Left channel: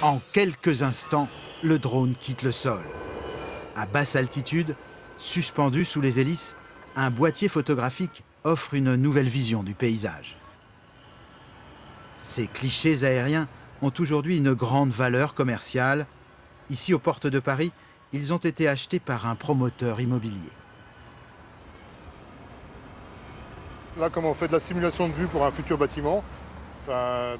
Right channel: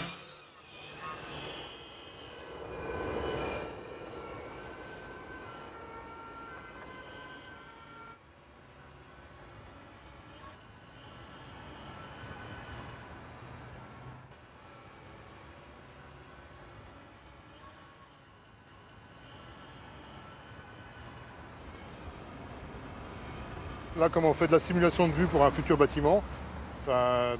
En quelques instants, le drone quitte le sol. À basse altitude, suspendu sous les hélices, un boîtier photographique offre une nouvelle vision du paysage. Ces clichés aériens ont aujourd'hui une grande valeur commerciale. Ici, aux portes de Paris, ils ont été achetés par un promoteur immobilier. Là, comme on fait de la simulation de vue pour un futur bâtiment,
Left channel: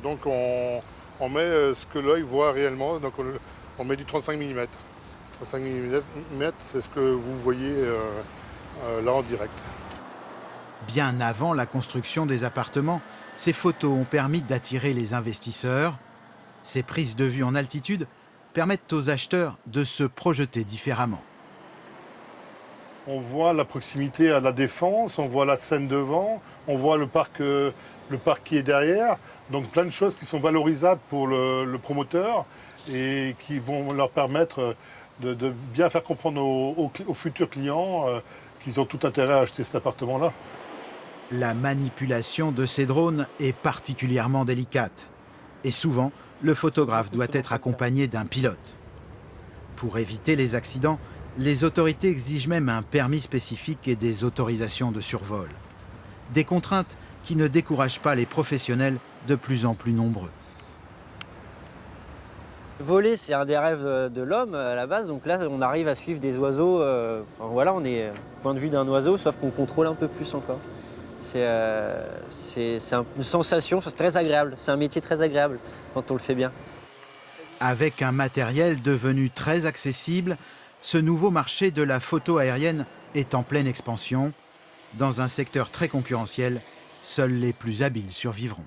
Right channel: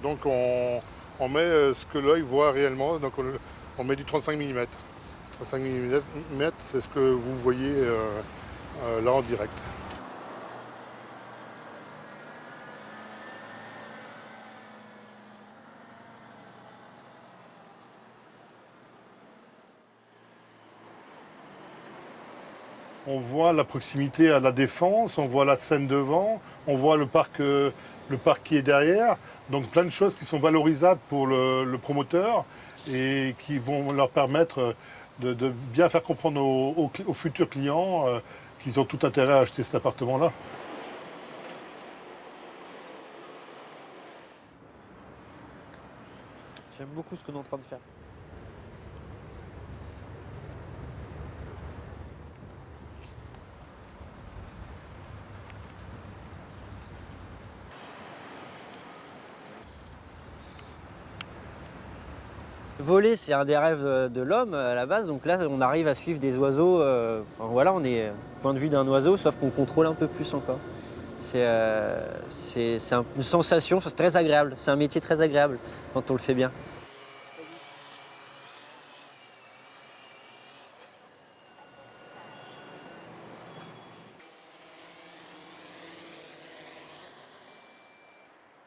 donc on met ce que l'œil voit réellement, donc on met du 35 mm. 35 mm, c'est ce que vous voyez là en direct. Bien avant la construction des appartements, ces photos ont permis d'attirer les investisseurs. Ces prises de vue en altitude permettent aux acheteurs de se projeter différemment. On voit la proximité à la Défense, on voit la Seine devant, on voit le parc qui est derrière. Donc plein de choses qui sont valorisables pour le promoteur et qui vont leur permettre de bien faire comprendre aux futurs clients qu'ils ont tout intérêt à acheter cet appartement-là. La manipulation de ces drones est particulièrement délicate. Et souvent, le photographe doit être accompagné d'un pilote. Pour éviter les accidents, les autorités exigent même un permis spécifique et des autorisations de survol. Des contraintes qui ne découragent pas les professionnels de plus en plus nombreux. Voler, c'est un des rêves de l'homme à la base, donc là on arrive à suivre des oiseaux, voilà, on est au point de vue d'un oiseau, sauf qu'on contrôle un peu plus encore. C'est une sensation, c'est très agréable, c'est un métier très agréable quand on le fait bien. Avec un matériel devenu très accessible, ce nouveau marché de la photo aérienne est en pleine expansion. Dans un secteur très concurrentiel, seuls les plus habiles survivront.